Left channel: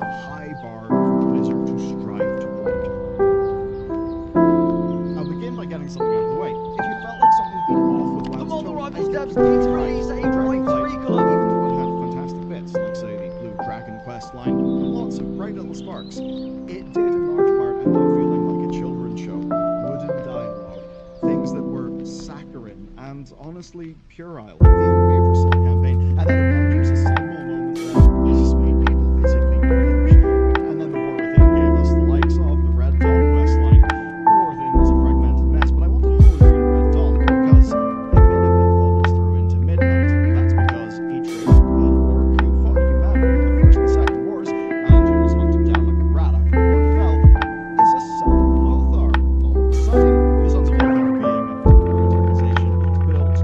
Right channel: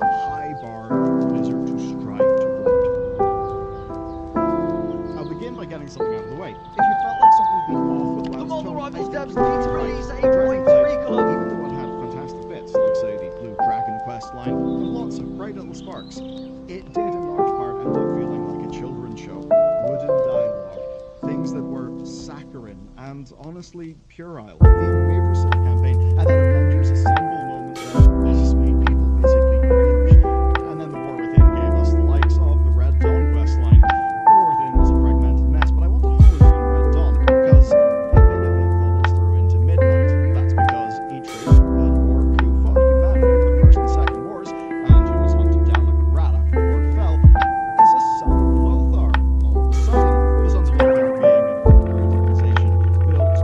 has a high bar for Blizzard to strive toward. I'll begin by getting something out of the way. If you felt like something's been off with The WoW's model tone, rivals I devs think need to you're right. release Dragonball, 8.3 color. even though it had fantastic bits, like say the Blue Dragon quest line, and lots of bright little sparks, it did in large part end up feeling like a children's show. Wooden dialogue, things that were saccharine and honestly puerile. The Invader Cell campaign had that Avengers Assemble moment that just made people physically cringe. And then the War Within gave us the likes of the Red Dawn quest line. The War Within was a fragmented mess, but I want to hone in on Red Dawn because a bit of it follows through into Midnight. That's because each race, an orc who fought humanity in the First and Second Wars, and who was hunted down like a rat after the Horde fell, is a son of Lothar. All of a sudden, the Sons of Lothar being an organization built to,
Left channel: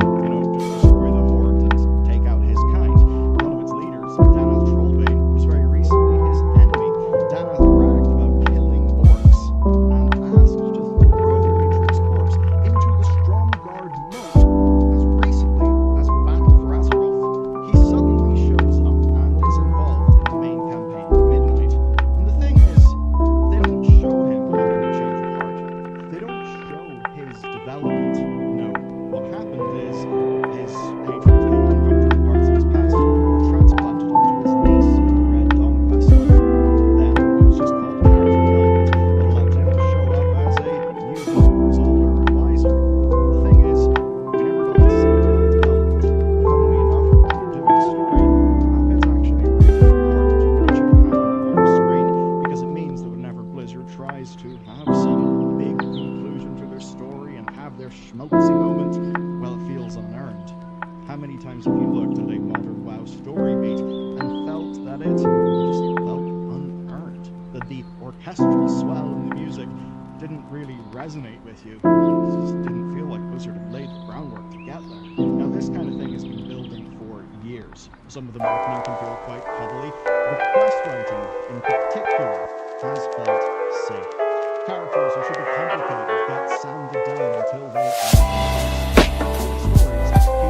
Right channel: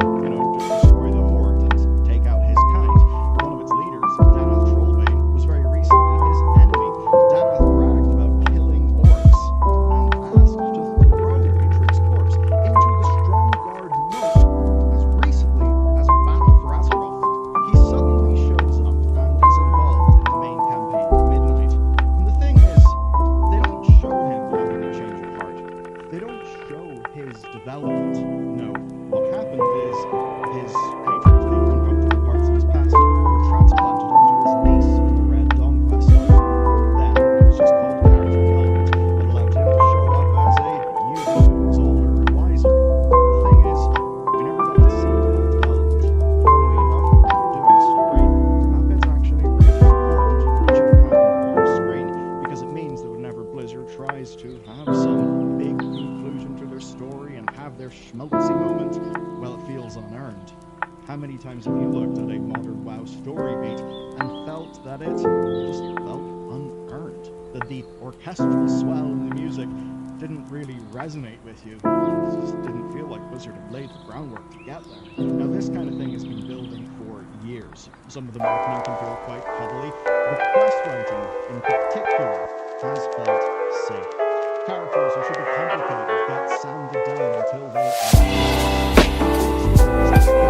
to destroy the Horde and take out his kind. One of its leaders, Danath Trollbane, was very recently his enemy. Danath bragged about killing orcs and asked to throw Atrio's corpse into the Stromgarde moat as recently as Battle for Azeroth. He suddenly shows up and is involved in the main campaign, Midnight. And the thing is, they don't show him having a change of heart. They don't show his development. No, what happened is his hatred for the uncomfortable parts of his past were transplanted onto his niece in the Red Dawn quest line. Then it was just called character development that allowed him to show up as a new villain who was older and wiser. The thing is, we never got to see that development. Funnily enough, when you're doing a story, that bit's actually really important. It shouldn't happen on screen because it means that whenever Blizzard tries to have some big conclusion to their story and have their schmaltzy moment, well, it feels unearned. How many times have you looked at a modern WoW story beat and felt that it just felt unearned? That the orchestral swell in the music didn't really resonate with you. It just didn't feel like Blizzard had laid the groundwork to get there. Now, this kind of thing has been building for years. Some of the marketing can feel quite cuddly, but quest writing in particular has felt safe. Characters who should be complicated get sanded down until they are. Stories that feel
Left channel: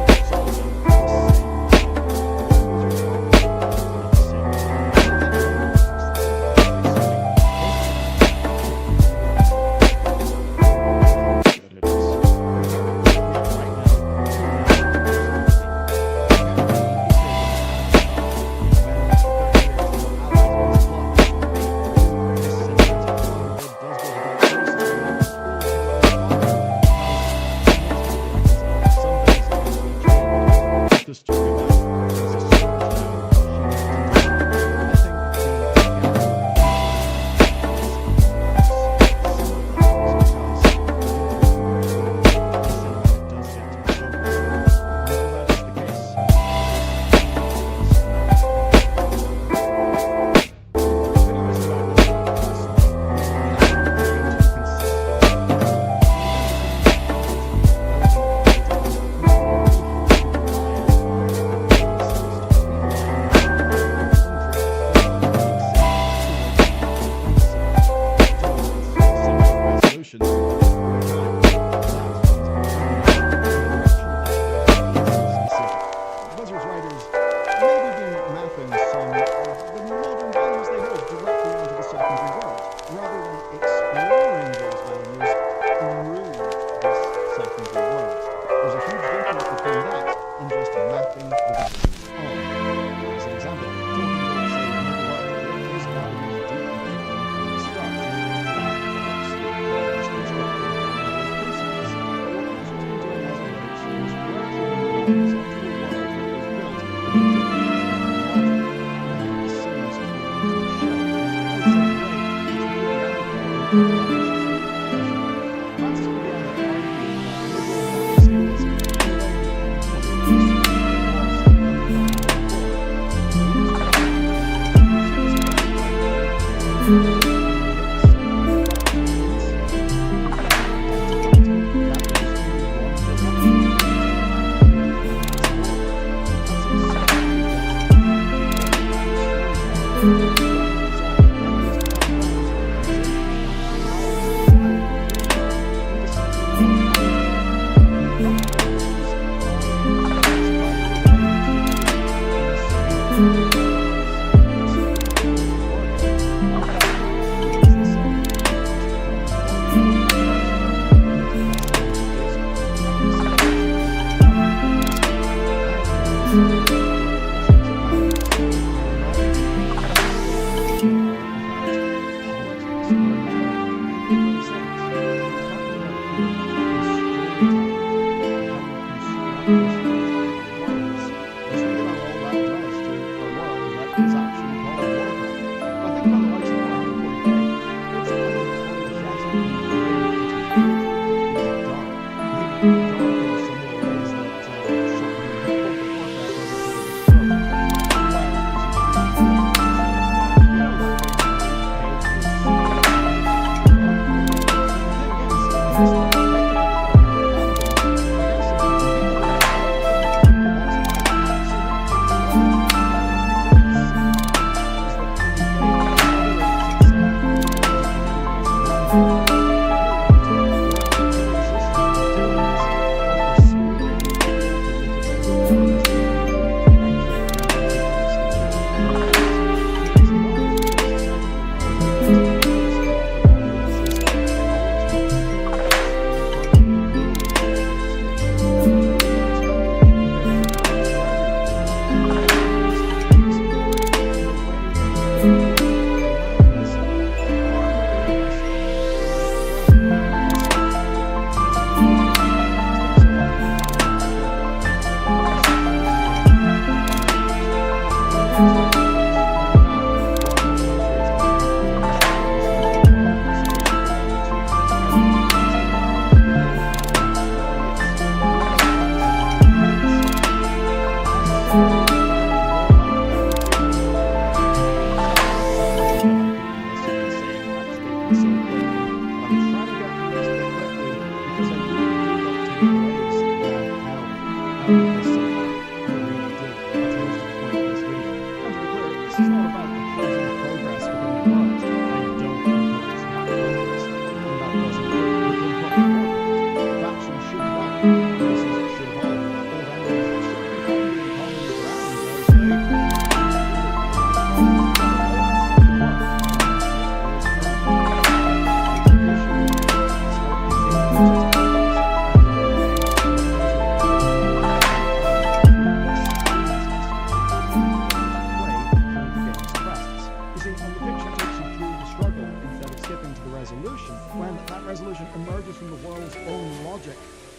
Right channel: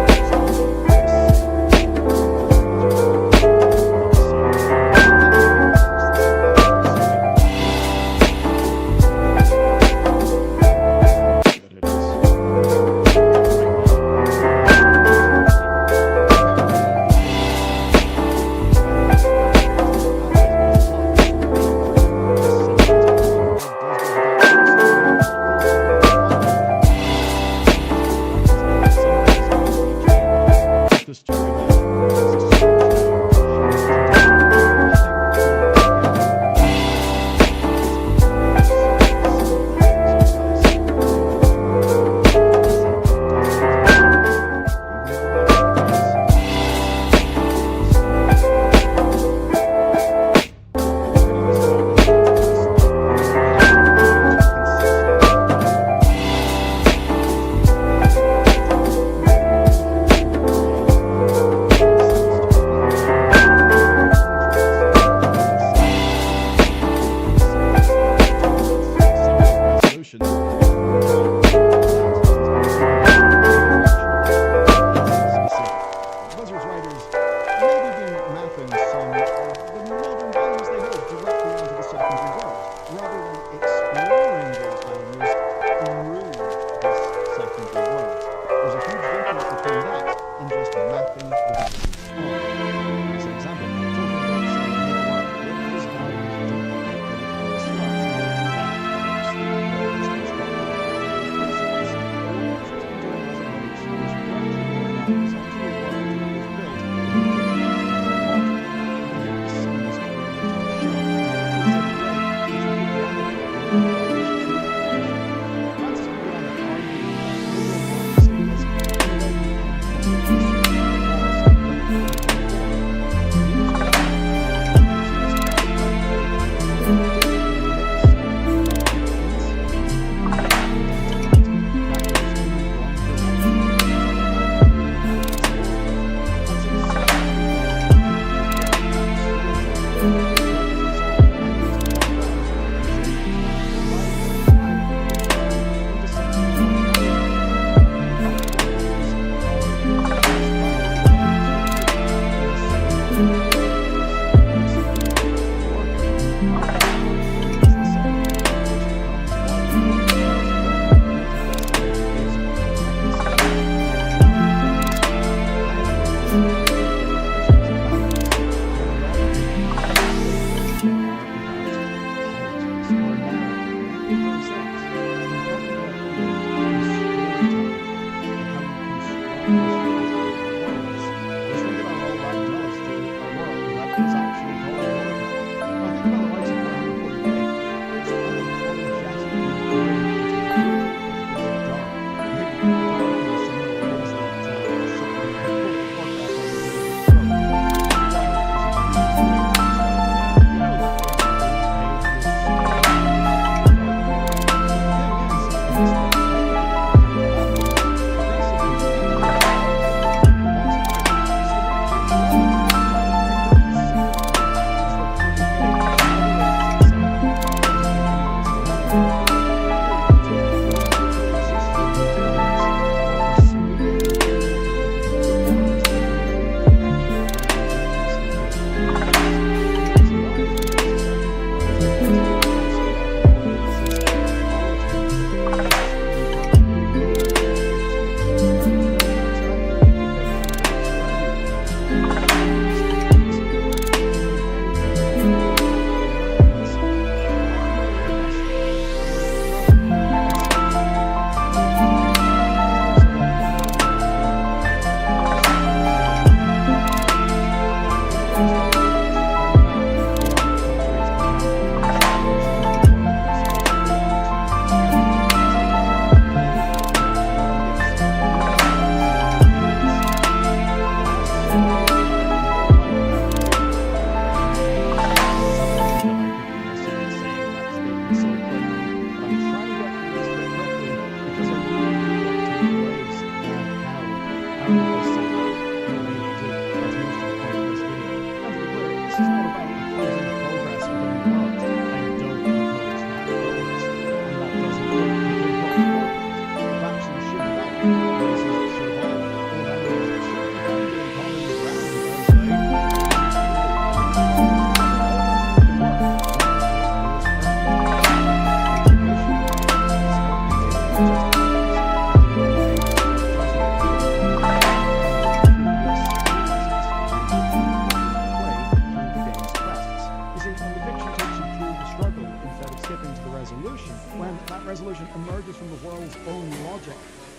When that resolution emerges from the world's own logic,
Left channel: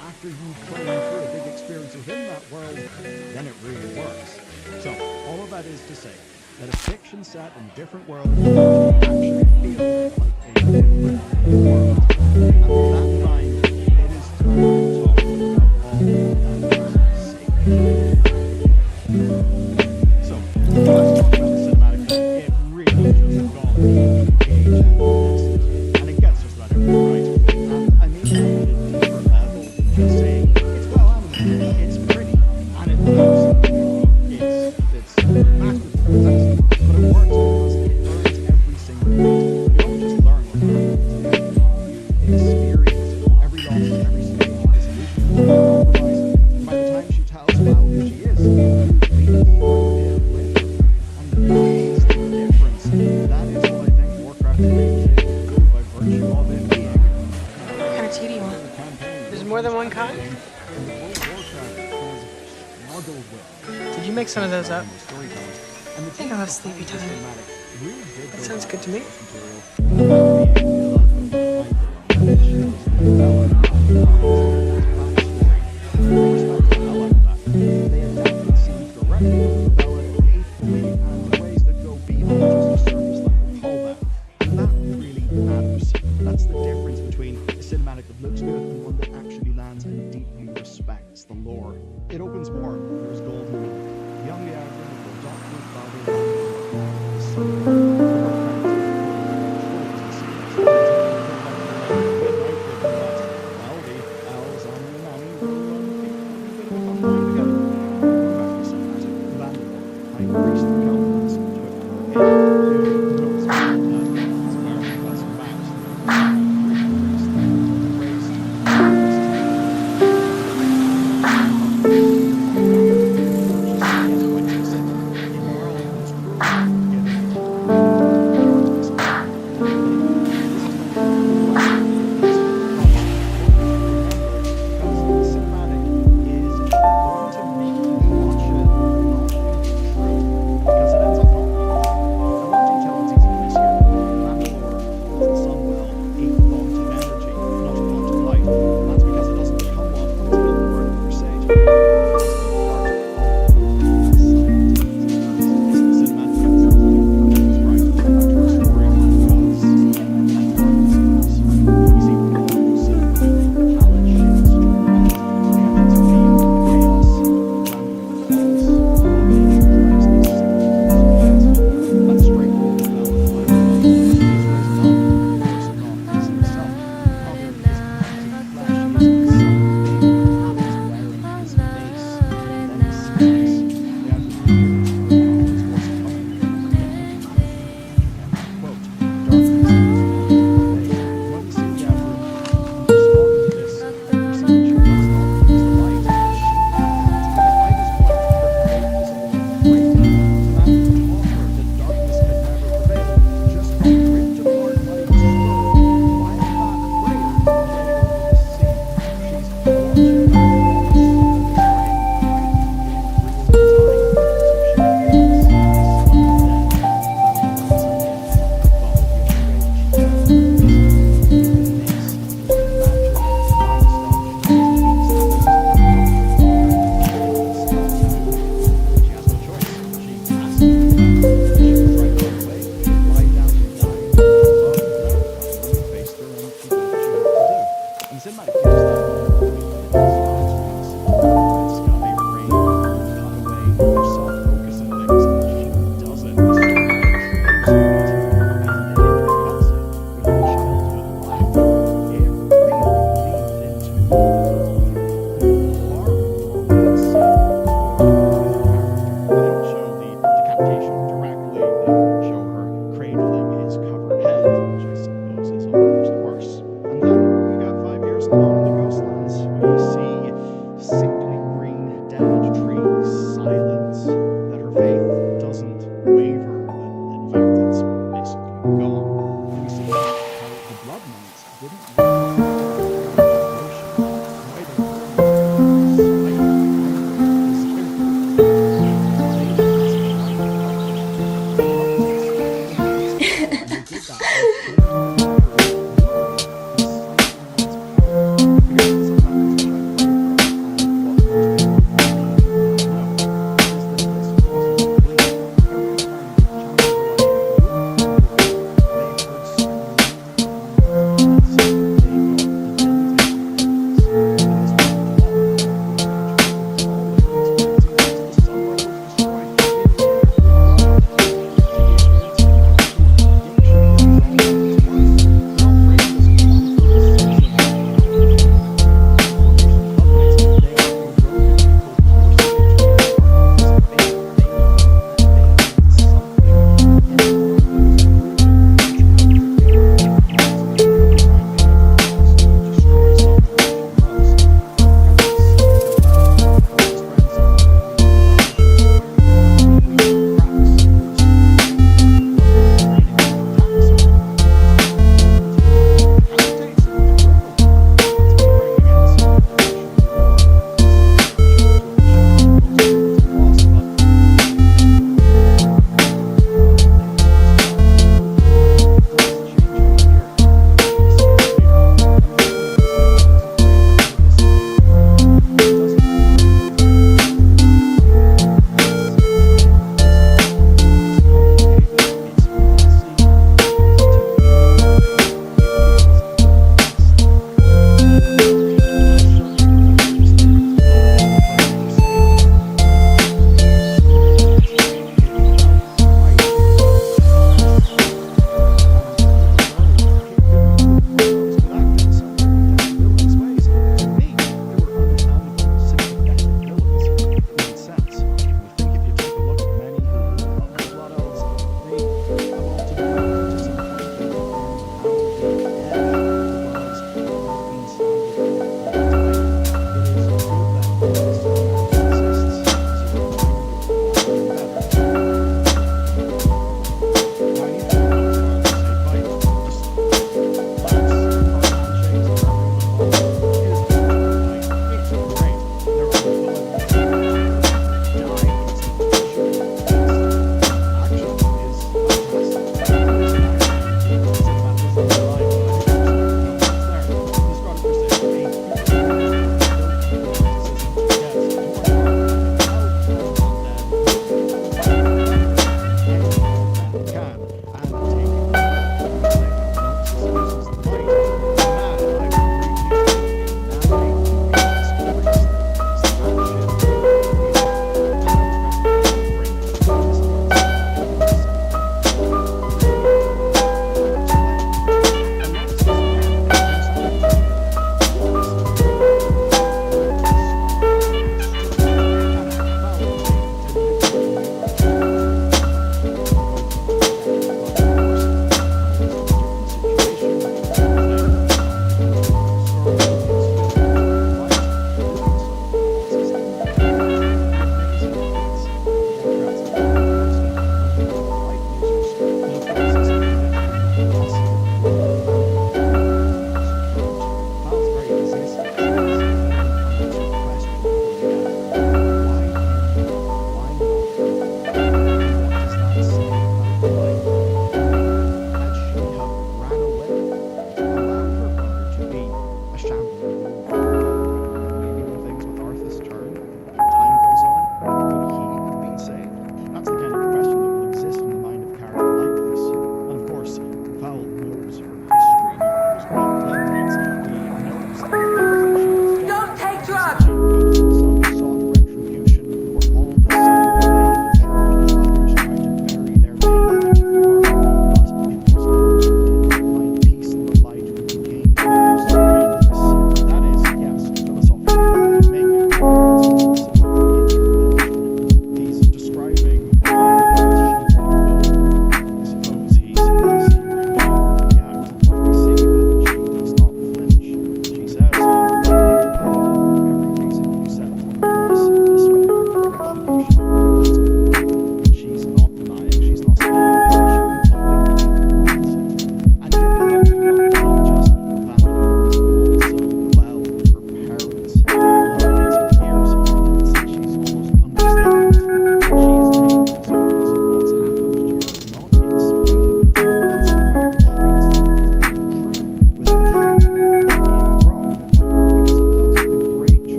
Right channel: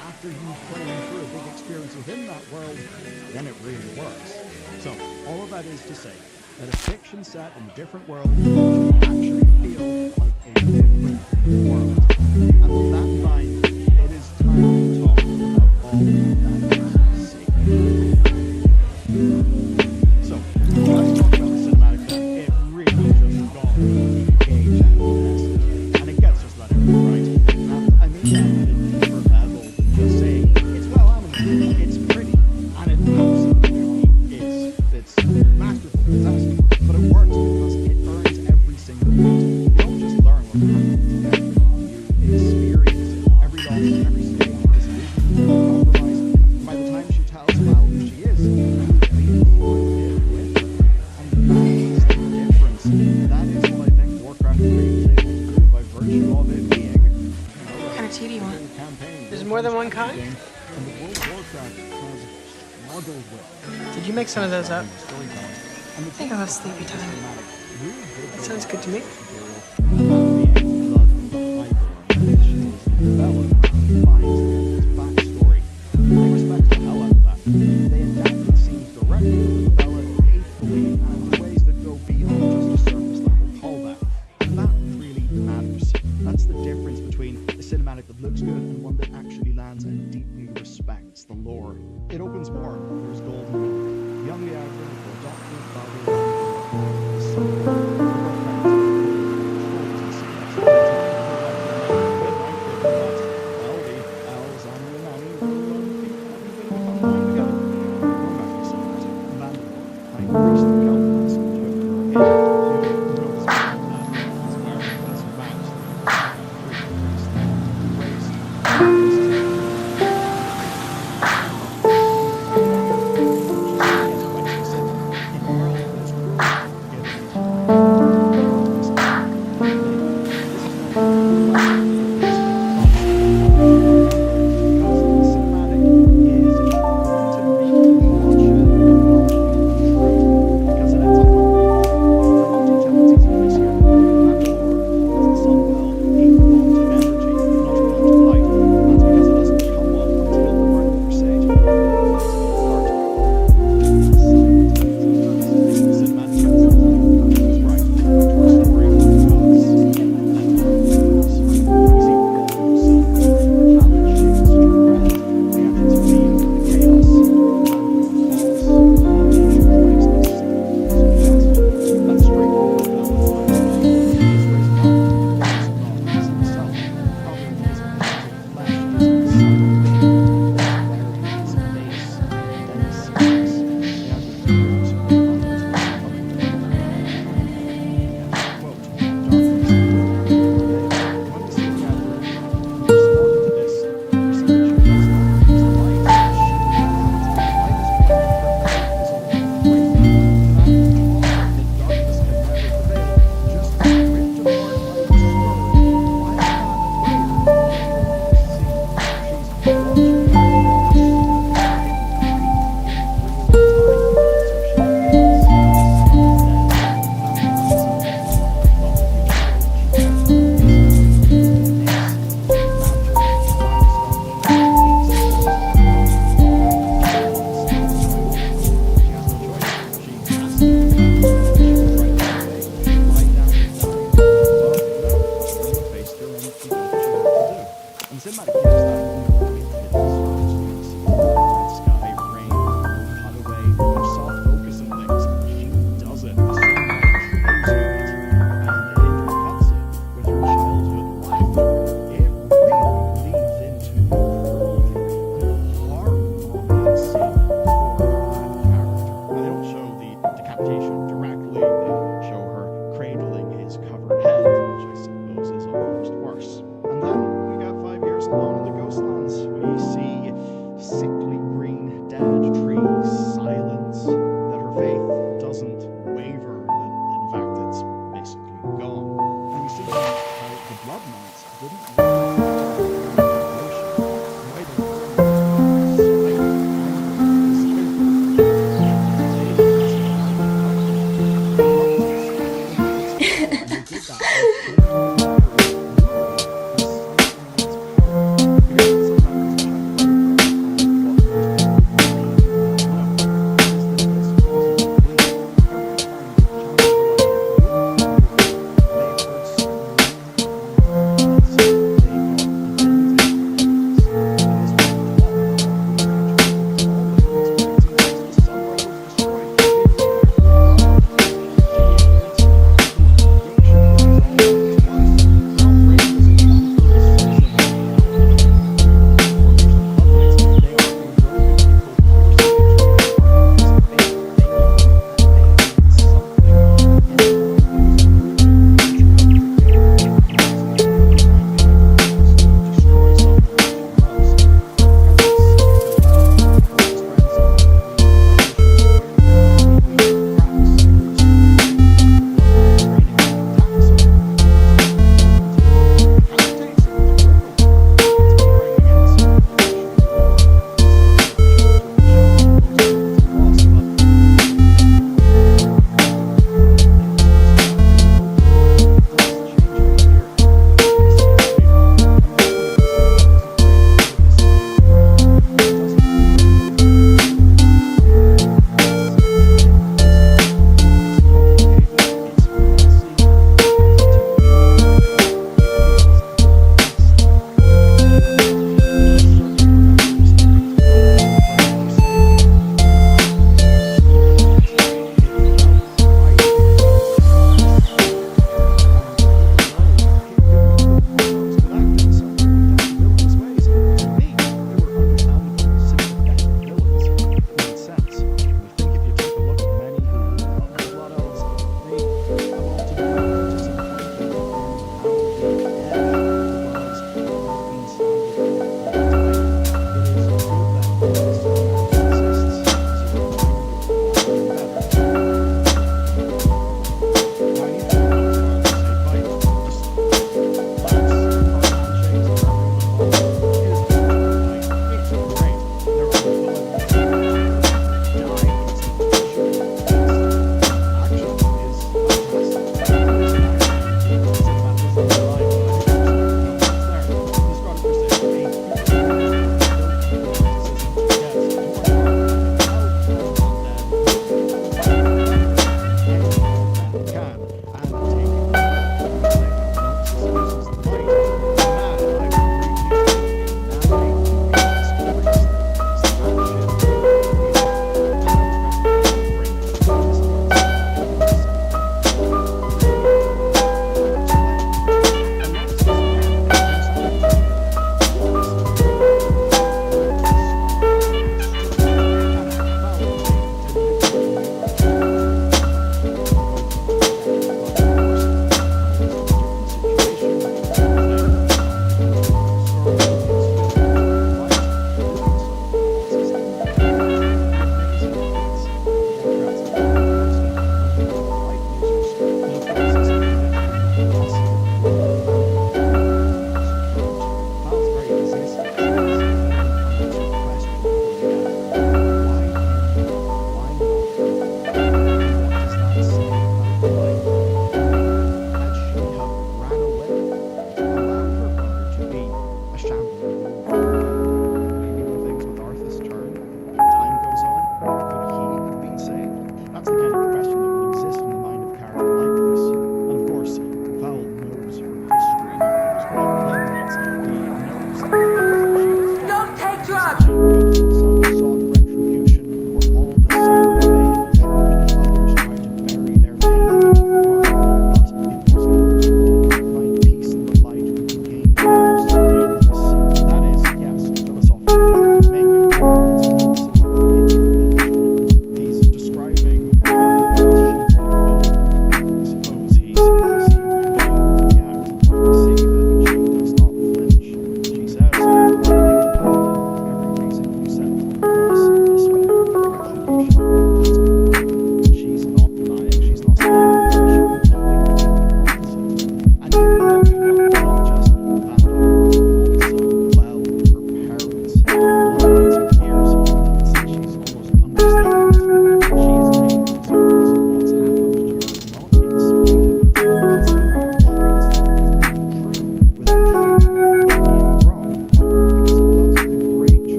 after you play through a big experience within that world, then it really works. So, all of that is to say that a fiction set in a different world actually feel like a different world. And with that in mind, it is time to talk about all that is sacred. So, let's talk about the cinematic then. It really just got me engaged and invested. And it gets just about everything right. And I mean that at a deeper level than just saying it's well animated, it's pretty, and it absolutely is. It's masterful, fantastic, but it works because it earns every single beat. You don't just learn what's happening together, you experience every loss, every stage of disillusionment, compromise, and by the time she tells Val who she is, you lead through it with her. And that is the difference. That is what I think Warcraft 3 is able to do by virtue of it being, What kind of tea do you want? There's more than one kind? And the World of Warcraft has struggled with. Did you make some of those up? Storytelling. I think I'll have sleepy time. That sounds good to me. They adapted scenes directly from the novella faithfully and in ways that go beyond just a surface level callback. And that really matters. That's the difference between a cinematic that looks good and one that actually lands and deeply respects the lore. It opens more. There's golden milk. Young Liardra will adopt his father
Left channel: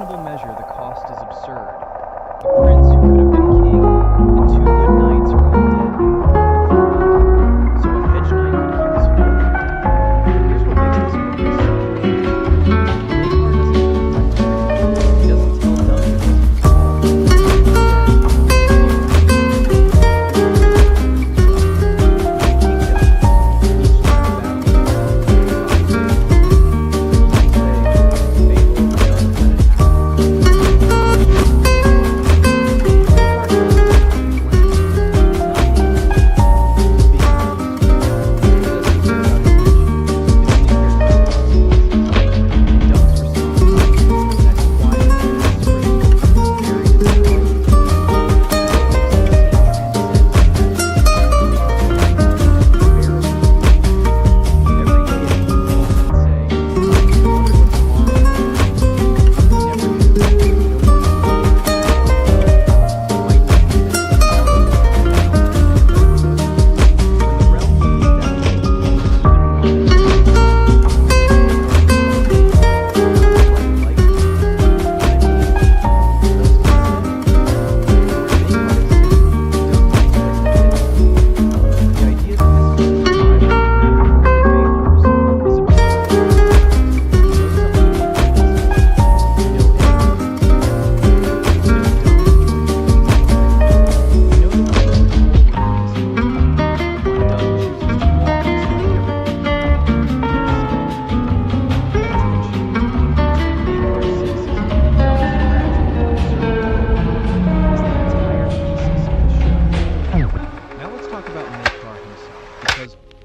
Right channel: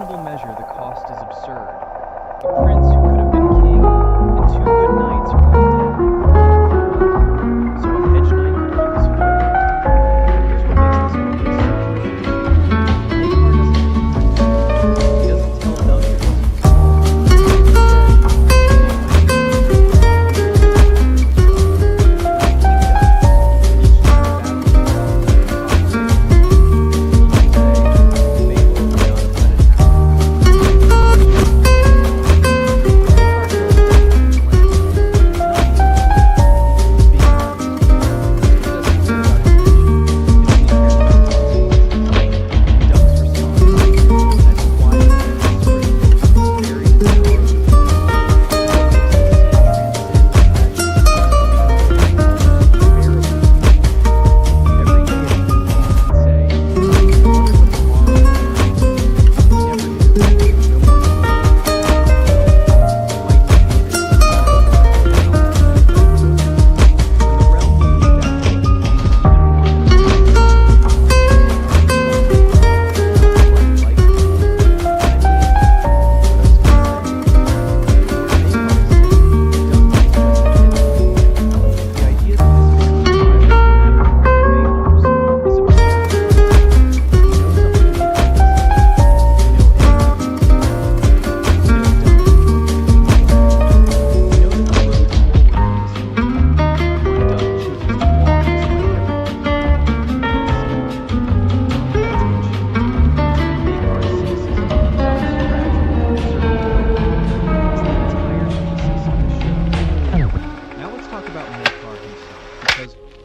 reasonable measure, the cost is absurd. A prince who could have been king, and two good knights are all dead. For what? So a hedge knight could keep his foot? But here's what makes this movie so brilliant. Makar doesn't confront him. He doesn't tell Dunk it wasn't his fault.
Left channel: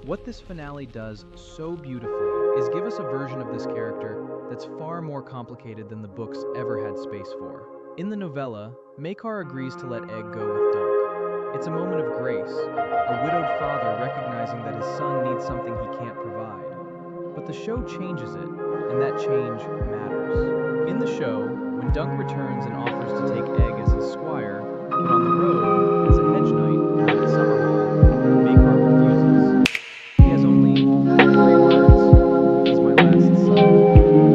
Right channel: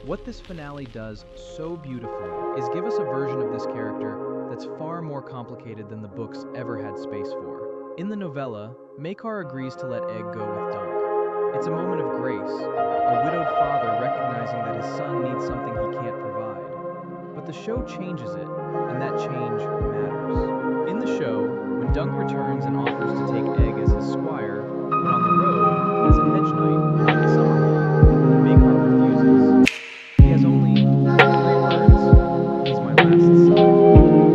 What this finale does so beautifully is give us a version of this character that's far more complicated than the books ever had space for. In the novella, Makar agrees to let Egg go with Dunk. It's a moment of grace, a widowed father recognizing that his son needs something he can't provide. But the show changes it, and that change matters. In the show, when Dunk returns and offers to take Egg as his squire, but on the road, as a hedge knight, out at Summerhall, Makar refuses. He has only 3 words: he's my last son.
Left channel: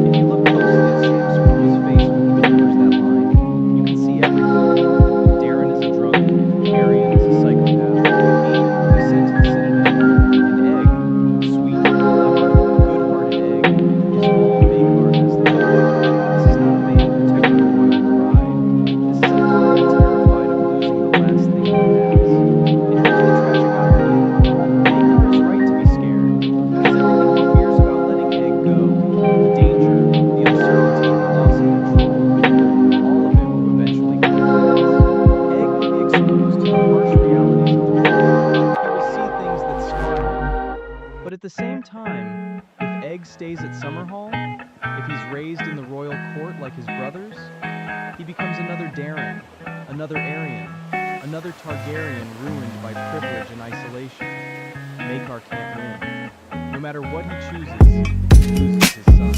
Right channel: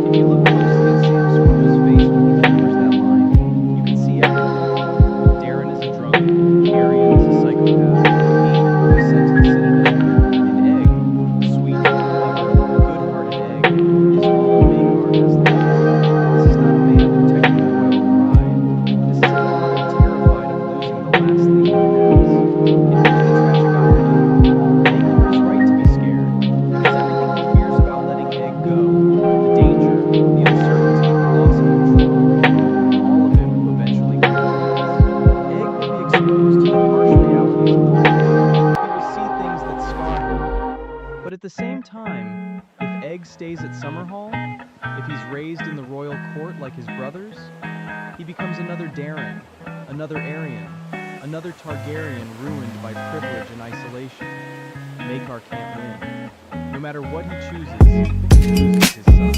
If you look closely at Sam Sproul's face when he delivers that line, you can see everything. Darren is a drunk, Arian is a psychopath, Eamon will be sent to the Citadel, and Egg, sweet, clever, good-hearted Egg, is all Makar has left. This is not a man protecting the royal pride. This is a father terrified of losing the last thing he has. And here's the tragic irony. Makar is right to be scared, because everything he fears about letting Egg go, the danger, the uncertainty, the loss of control, all of it will eventually come to pass. Egg will be exposed to the harsh realities of the world. He will see things that scar him. But at the same time, if Egg stays at Summerhall, if he's raised in the royal court like his brothers, he becomes another Darren, another Arian, another Targaryen ruined by privilege and isolation. Makar can't win. No matter what he chooses, he loses his son.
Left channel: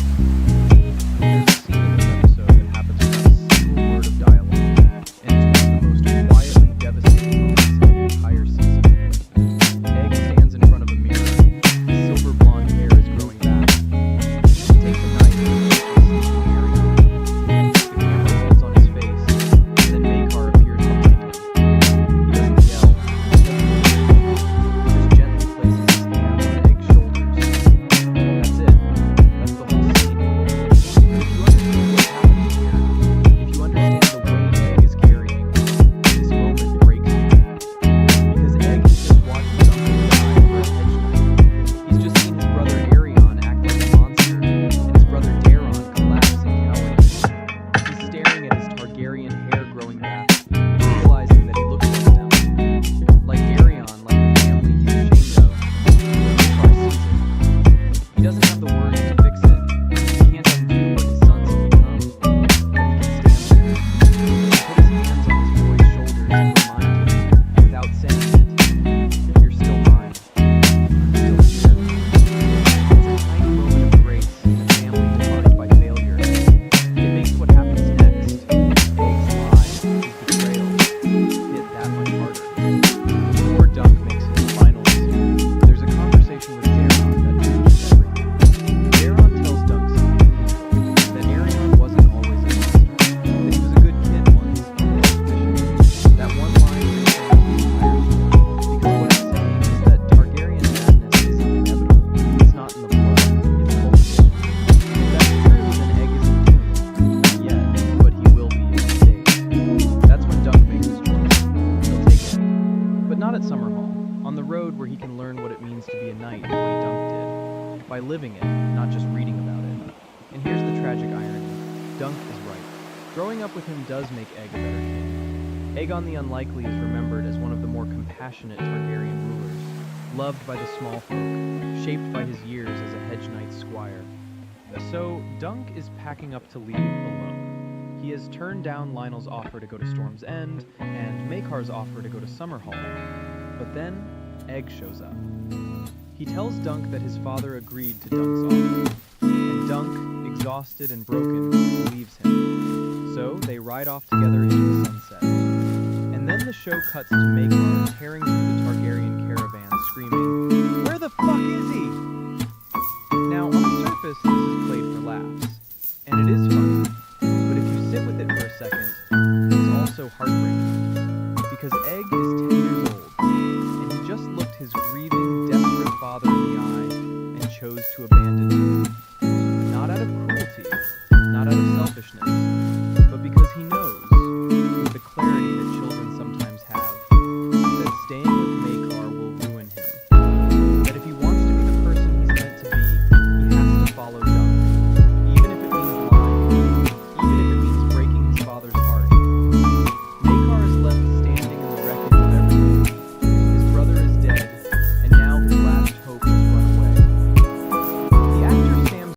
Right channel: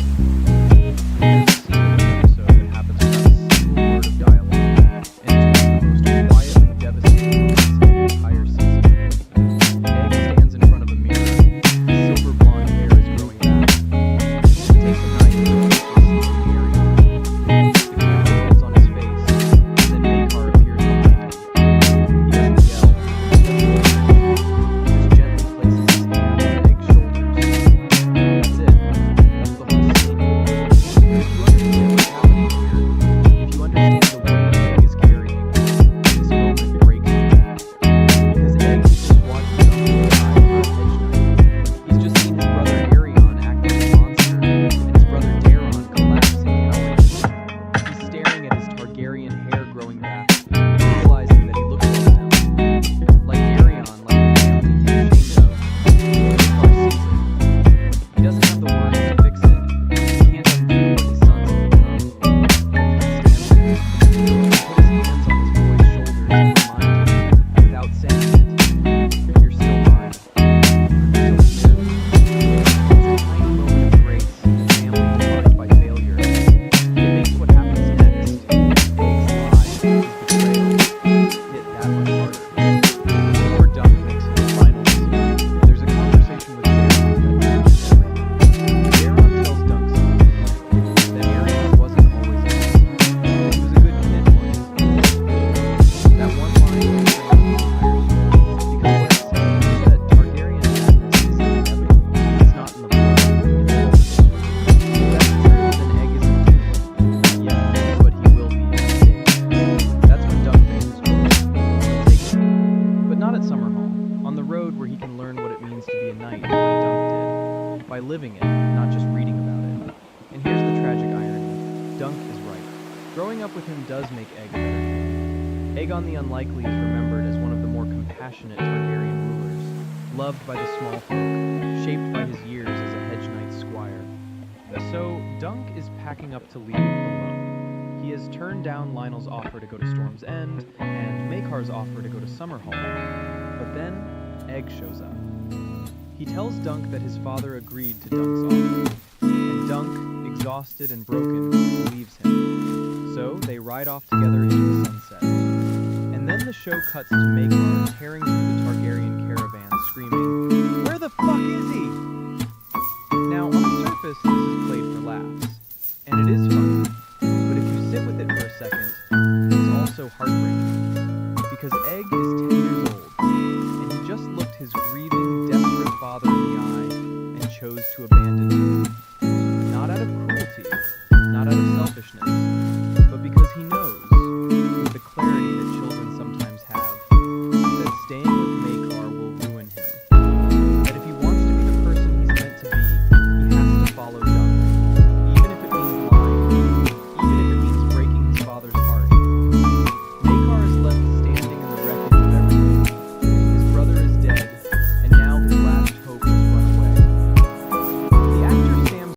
There's a scene in this episode that happens without a single word of dialogue, and it's one of the most quietly devastating moments in the entire season. Egg stands in front of a mirror. His silver blonde hair is growing back. He takes a knife and pushes the Arian. The camera rolls on his face, and then Makar appears behind him. He doesn't yell, he doesn't scream. He just gently places his hand on Egg's shoulders. That's it. That's the whole scene. But if you understand what's happening here, if you understand the weight Egg is carrying, this moment breaks you. Because Egg has just watched something die for a hedge knight. He's just seen his brother Arion act like a monster, and his brother Daron collapse in cowardice. He's staring at his Targaryen hair growing back, realizing that he looks like them. Like Arion, like the family he's ashamed of. Makar sees it. He doesn't have the words to fix it. He can't undo what his sons have become. But he can stand there. He can put his hands on his boy's shoulders and remind him, without saying it, "You're still mine. I'm still here." It's a tiny moment of grace in a family defined by failure. It makes what happens next, Egg's life, is the by living it, not just reading about it. And here's the tragic irony. Dunk is right. Growing up with him does make Egg a better king. Aegon the Unlikely is remembered as one of the more compassionate Targaryen rulers, loved by the small folk, shaped by his years as a hedge knight squire. So, Dunk is packing up to leave alone. He has turned down Lionel's offer to go to Storm's End, and Maekar's offer to go to Summerhall. But then, Egg shows up. He tells Dunk that his father agreed to Dunk's offer, and Dunk, exhausted and broken, leaves him. So, they ride off together into the sunset. And then the show cuts to Maekar tearing through the Targaryen caravan, screaming, "Where the fuck is he?" Now, on the surface, this is played for laughs, and it is funny, but if you sit with it for a second, it's also heartbreaking, because Egg is 10